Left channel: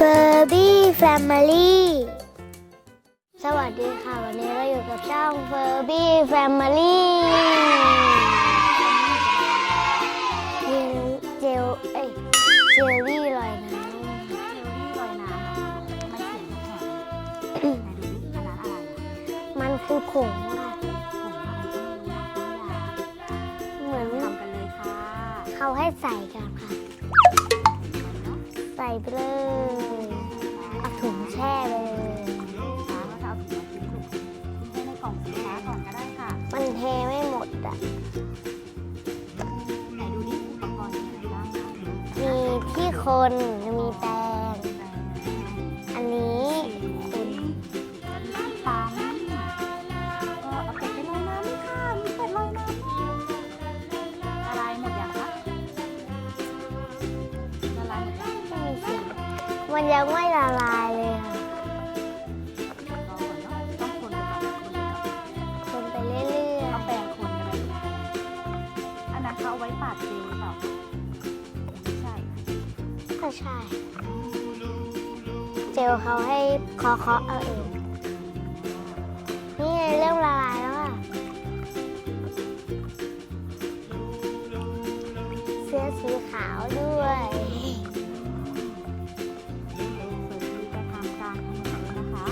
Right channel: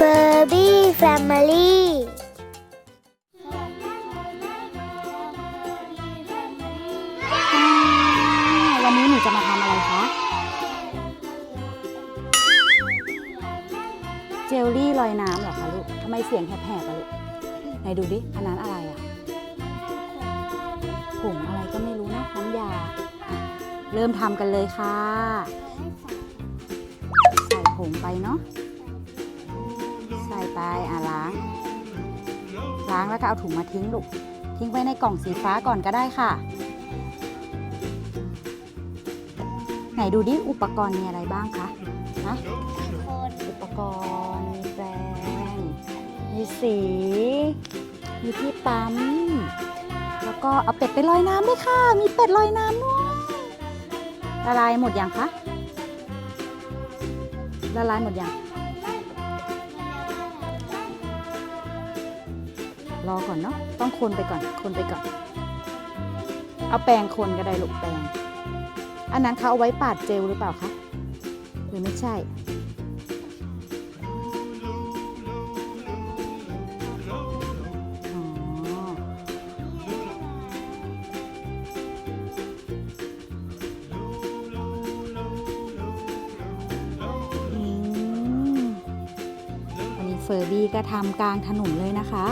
Furby Family สวัสดีค่ะ วันนี้เราอยู่กับช่อง Furby Family วันนี้หนูจะมาทำอะไรคะมีเจลเอ้ยเจลลี่ลอยน้เจลลี่ลอยน้ำเหรอคะลูกทำไมเสียงแผลบๆอะลูกไหนดูดิอันนั้นอะไรอะำมันคือผงผงอะไรก็ไม่รู้นะน้ำยา เริ่มทำกันเลยค่ะ เขาให้ใส่กันค่ะใส่ผงไปเนาะใส่ไปเลย เอาถุงมาทิ้งลูก ทิ้งไว้ในกล่องสีฟ้าก่อนก็ได้ค่ะ มันเทไม่หมดอะไหนดูดิอุปกรณ์มีอะไรบ้างคะมีที่คนมีอุปแป้กงรณ์แปรงอันนี้สีมีที่ปั๊มแล้วก็เอาเป็ดไปลอยน้ำด้วยค่ะ มีเป็ดลอยน้ำด้วยละลายหมดยังคะละลายหมดยังมันยังไม่ละลาย คนไปก่อนคนไปก่อนคนไปเรื่อยๆเอาแปรงคนก็ได้ลูกแปรงอันนั้นเขาเอาไว้ปาดเจลหรือเปล่าคะหรือไม่ใช่ ก็ใช่ เจลเขาให้เคาะเคาะๆเอาเองอ๋อนี่ไงเริ่มละลายแล้วอะเสื้อสีขาวด้วยอืมเฟอร์บี้ก็ทำกลางถนนเลยนะคะ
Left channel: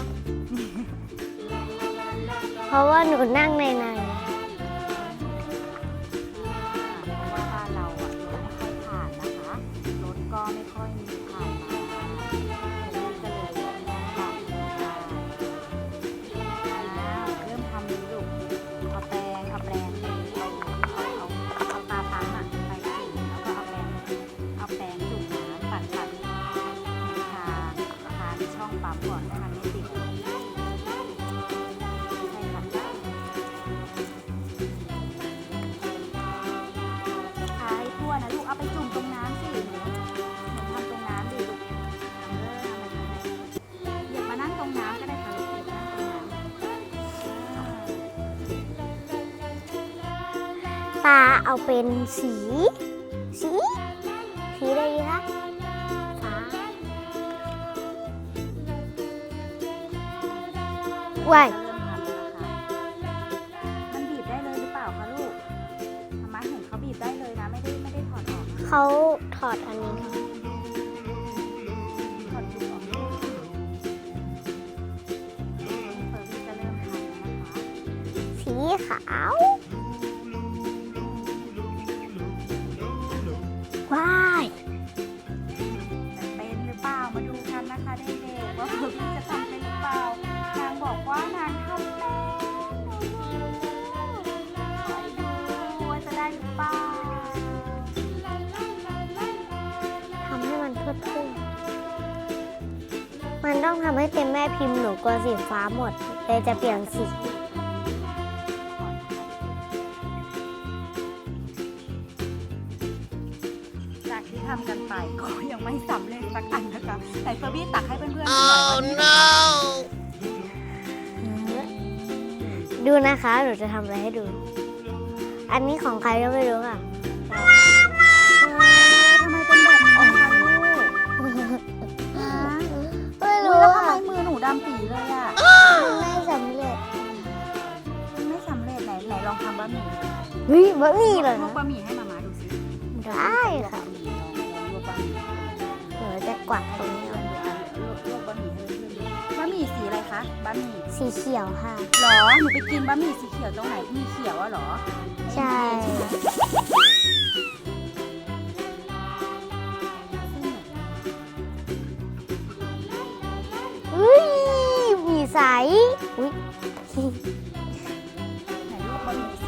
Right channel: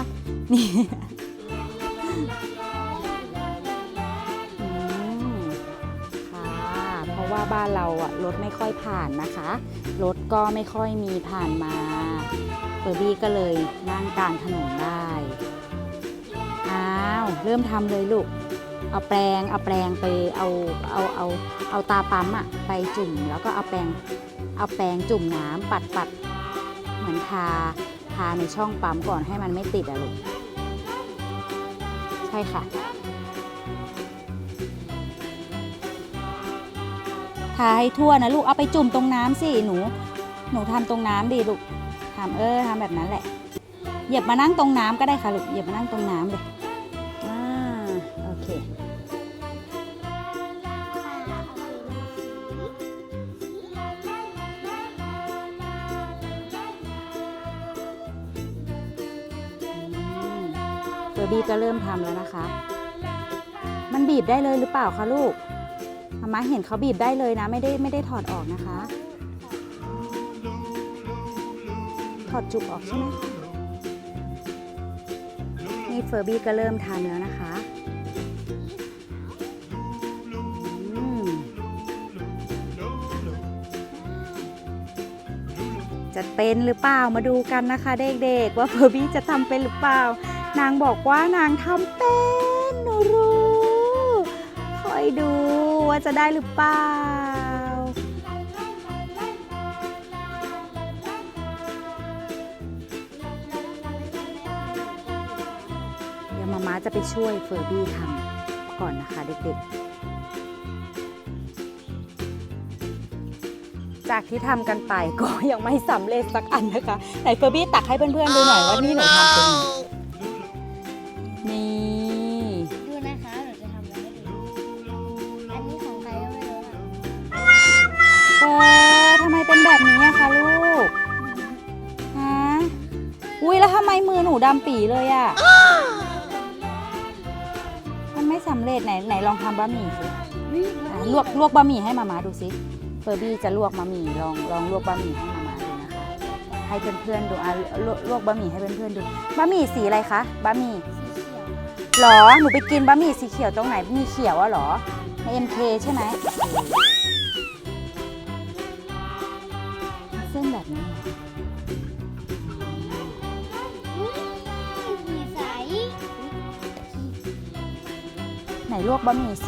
นี่เพ ราะว่าหนูนั่งในนอืมค่ะเพราะว่าบ้านเราอะรถไม่ค่อยผ่านนะคะ รถก็ไม่ค่อยมีผ่านมาเฟอร์บี้ก็เลยนั่งกลางถนนได้อ้าวเริ่มทำเลยลูก เอาแปรงเอาแปรงไปเอาเอาเอาเอาตาปั๊มอะไปจุ่มแล้วก็เอาแปรงเอาแปรงจุ่มน้ำปัดปัดเหมือนทาทาในช่องปั๊มก่อนให้มันไม่ติดอะลูก ใช่ค่ะ ทาให้ทั่วนะลูก เอาไปจุ่มตรงน้ำสิหนู หนูทำตรงน้ำดิลูกทำเออทำแบบนั้นแหละ เหยียบมานั่งตรงน้ำก็ได้ค่ะลูก เหยียบมานั่งตรงน้ำเลยอ่าโอเคตาเอาเป็นสีสี ได้เลยหรือเปล่าคะลูกมาม่าเห็นเขาบีบได้เลยนะ ไม่ได้ไม่ได้ถอดออกนะคะเขาถอดอันนี้ถอดจุกออกใช่ไหมคะนี่เฟอร์บี้ก็เริ่มทำแล้วนะคะ สีขาวอืมว้ายจะเป็นหรือเปล่ามาดูกันนะคะเด็กๆว่าเฟอร์บี้จะทำเป็นหรือเปล่า นางบอกว่านางทำเป็นหนูรู้คอย ดูว่าจะได้หรือเปล่าทำให้มันขึ้นขึ้นมันต้องทำให้เป็นแม่พิมพ์หนูกลัวสีฟ้าหมดเลยจะเปลี่ยนจะไปสีช่วยเฟอร์บี้ทำก่อนนะคะเด็กๆจากที่ทำกันไปก็ยังไม่สำเร็จสักอันนะคะไหนเฟอร์บี้ตักให้เพื่อนๆดูหน่อยว่านี่หนูทำเป็นนี่ ดูนะคะ หนูจะทำอะไรให้ดู อันนี้ของใครก็ไม่รู้ค่ะเอ๊ะทำไมเป็นแบบนี้อะคะลูกฮะอุ้ยแล้วทำไมมือหนูดำปีเลยอะมันไม่สำเร็จไหนไหนลองทำบะหมี่สิเฮ้ยบะหมี่ลวกเหรอลวกบะหมี่ให้มามาดูสิเฟอร์บี้ได้จะลวกบะหมี่ลองลองลวกบะหมี่ให้มามาเออจะกวาดให้เพื่อนๆดูอะลวกลวกบะหมี่ให้เพื่อนๆดูบะหมี่สีอะไรคะบะหมี่ สีเขียวค่ะ หรอ หนูไปกินบะหมี่สีเขียวตรงไหนมีเขียวอะหรอ เอ็มเคใช่ไหมเส้นแบบนี้เฮ้ยหมีใสอุ๊ยไหนลวกบะหมี่สี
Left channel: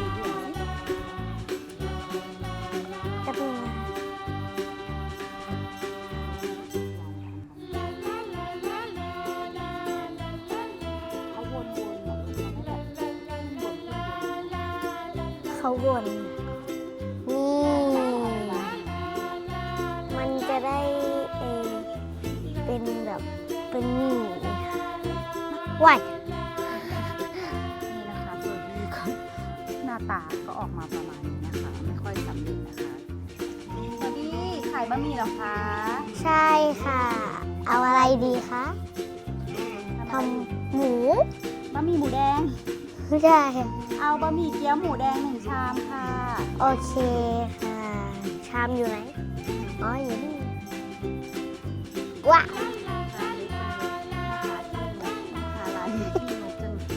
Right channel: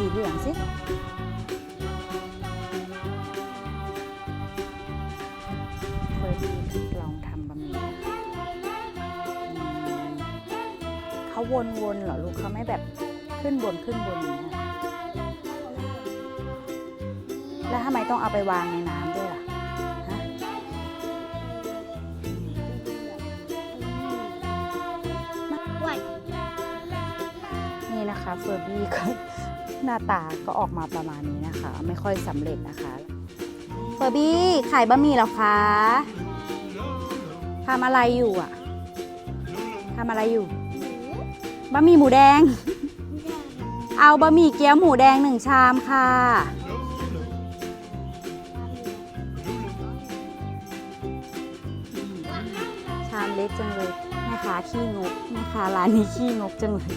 ว้ายนี่นะคะเฟอร์บี้ก็หน้าตาก็ออกมาประมาณนี้นะคะ ไม่ค่อยสำเร็จนะคะเฟอร์บี้ขายบะหมี่เหรอคะใช่ค่ะททำอะไรอยู่ดีอะคะทำอะไรอยู่หมูบะหมี่หมูแดง ไม่ได้เอาบะหมี่เกี๊ยวหมูแดงหนึ่งชามค่ะ โอเคค่ะชามอยู่ไหนอ๋ออยู่นี่ว้าช นนี้ขี้งกจังเลย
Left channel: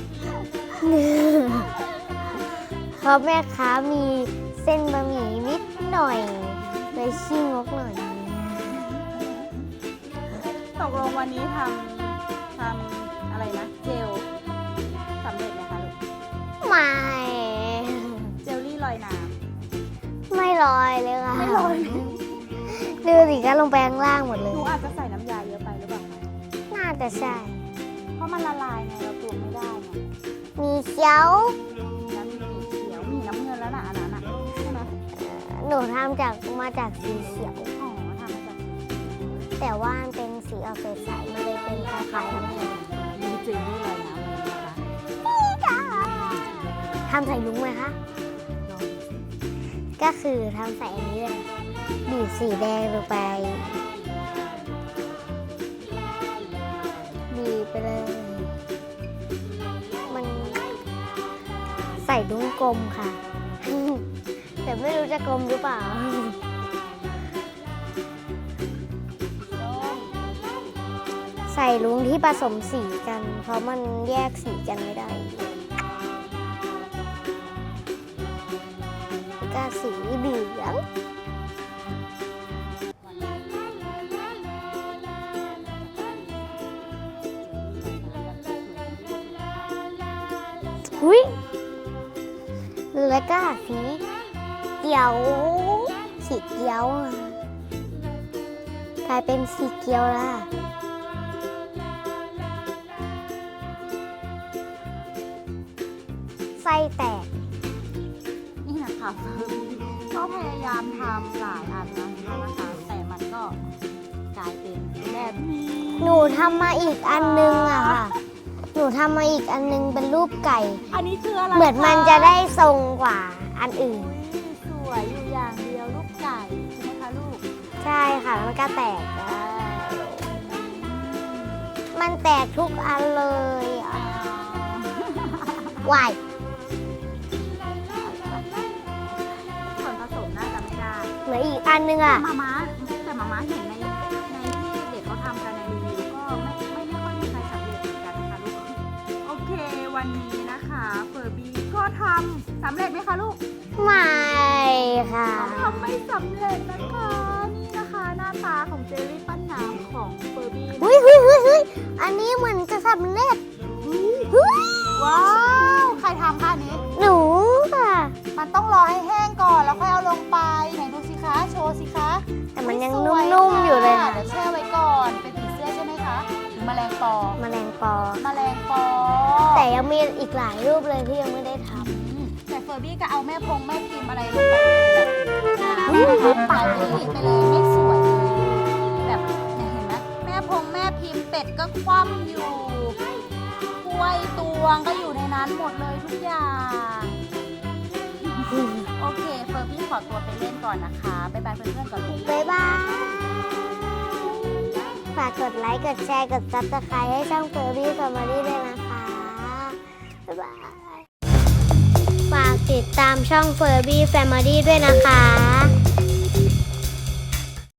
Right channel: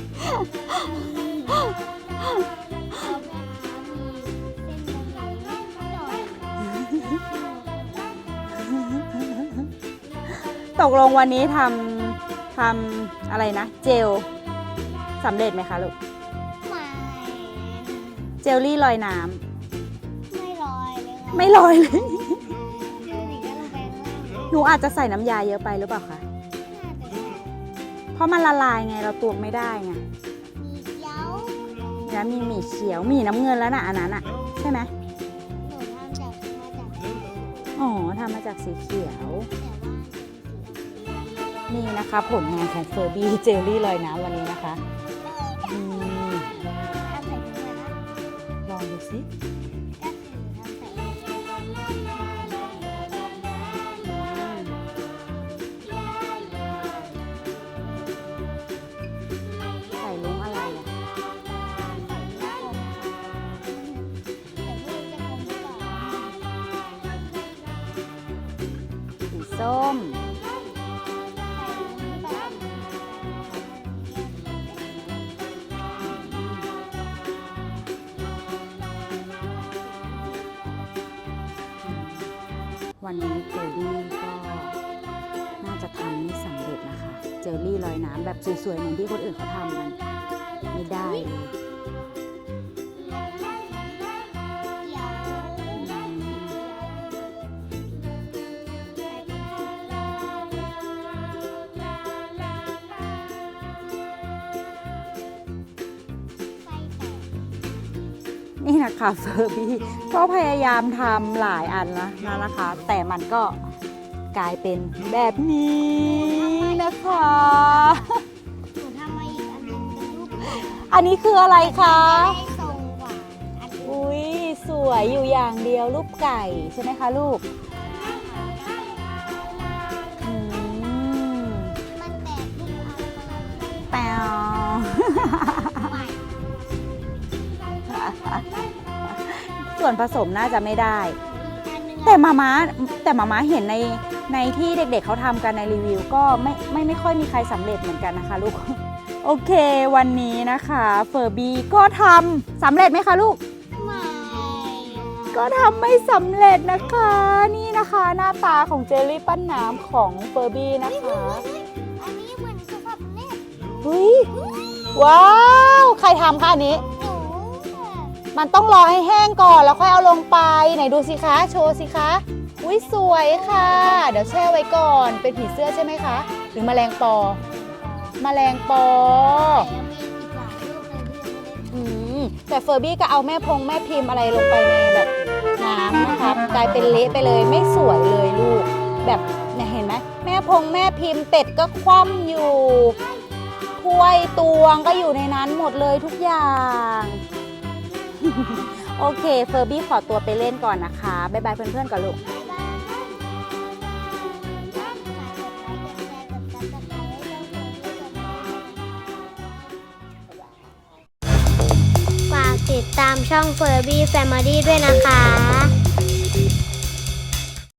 เพราะแม่ค้ามีเส้นบะหมี่นิดหน่อยเลยชิมกหน่อยตกลงวันนี้ทำทำอะไรนะ เจลสำเร็จไหมคะลูก ไม่เจลลี่ลอยน้ไม่ลอยเลยค่ะำไม่ลอยเลย ดูสิก็ลงไปข้างล่างหมดเลหนูยอาจจะใส่น้ำยาเยอะไปหรือเปล่าคะ น่าจะใช่ เพราะมันละลายไงเราตวงไม่ได้ไงมีเขียว แล้วมีหมี่เขียวหมี่น้ำเงินแล้วนะอันนั้นอะใช่ไหมหนูทำจากมาจากสีเขียว อ๋อทำมาจากสีเขียว แต่ว่ามันเป็นสีออกเป็นสายมาเลยนี่นะคะผลงานของเฟอร์บี้เจลลี่ลอยน้ำวันนี้นะคะทำใส่ยุ้งไหมคะลองดูสิก็คือทำใส่อันนี้เลยบีบสีแดงลงไป ผสมสีกัน เพราะมันแยกสีกันไม่ได้ก็สีเหลืองวันนี้เฟอร์บี้ก็น่าจะทำไม่สำเร็จนะคะเจลลี่ลอยน้ำแบบสวยๆเหมือนที่คนอื่นเขาทำกันไม่ได้อุ้ยแล้วก็สีเขียวสีเขียวอะกลายเป็นสีเขียวแล้วอะ คะเฟอร์บี้ก็พยายามทำหลายอันแล้วนะคะ แต่มันก็กลายเป็นแบบนี้หนูทำมาอีกอันนึงอะค่ะหนูทำมาอีกอันนึงเป็นรูปไก่ อันนี้คืออะไรเหมือนคะมันจะได้ทรงกว่าอันอื่น อุ้ยสวยอยู่อย่างเดียวรูปไก่ใช่ไหมคะลูกใช่ค่ะแล้วมันก็แตกอืมมันแตกทุกอันเลยแปววาย ส่วนผสมน่าจะไม่ได้ เหมือนอีกอันนึงแต่อะมาม้าแต่มาม้าเห็นในในที่เด็กๆเขาทำกันในรีวิว ก็ไม่ไม่ไม่ค่อยมีใครสำเร็จเหมือนกันนะคะลูก โอเค วันนี้นะคะเฟอร์บี้ก็ทำสำเร็จไหมคะลูก ไม่ค่ะก็ทำไม่สำเร็จนะคะ นี่นะคะหน้าตาของเจลลี่ปั้นน้ำของเฟอร์บี้นะเฮ้ยเฮ้ยเฮ้ยเฮ้ยอันนี้เหมือนจะสำเร็จเฮ้ยเฮ้ยว้าว ใครทำคะอันนี้ หนูค่ะ มันต้องรอให้แห้ง ก่อนแล้วค่อยเอาลงไปไหนดูสิคะโชว์สิคะแต่มัไม่นยังสวยนุ่มๆค่ะอยู่เลยเดี๋ยวแช่ไว้ก่อนเป็นผีเสื้อใช่ไหมคะหรือแมลงปอแมลงปอแมลงปอ แต่ยังมีอีกหลายรูปเลยที่ยังไม่ได้ทอืมแต่เฟอร์บี้ก็เอาแม่พงแม่พิมพ์อะไรลงไปแบบน้ำนะคะกลายเป็นเละไปเลยไม่สวยเลยลูกแบบเนี่ยเห็นไหมแม่พงแม่พิมพ์เป็ดก็คว่ำอยู่ถ้วยตวงก็อยู่ในนั้นหมดเลยทุกอย่าง โอเคเฟอร์บี้ขอตัวไปเล่นก่อนนะคะ บ๊ายบายเพื่อนๆก่อนลูก บ๊ายบาย ฝากกดไลค์ กดแชร์ กดซับสไครต์ให้ช่องเฟอร์บี้กับมารีด้วยนะคะบ๊ายบายฝากติดตามช่องเฟอร์บี้แฟมิลี่ด้วยนะคะ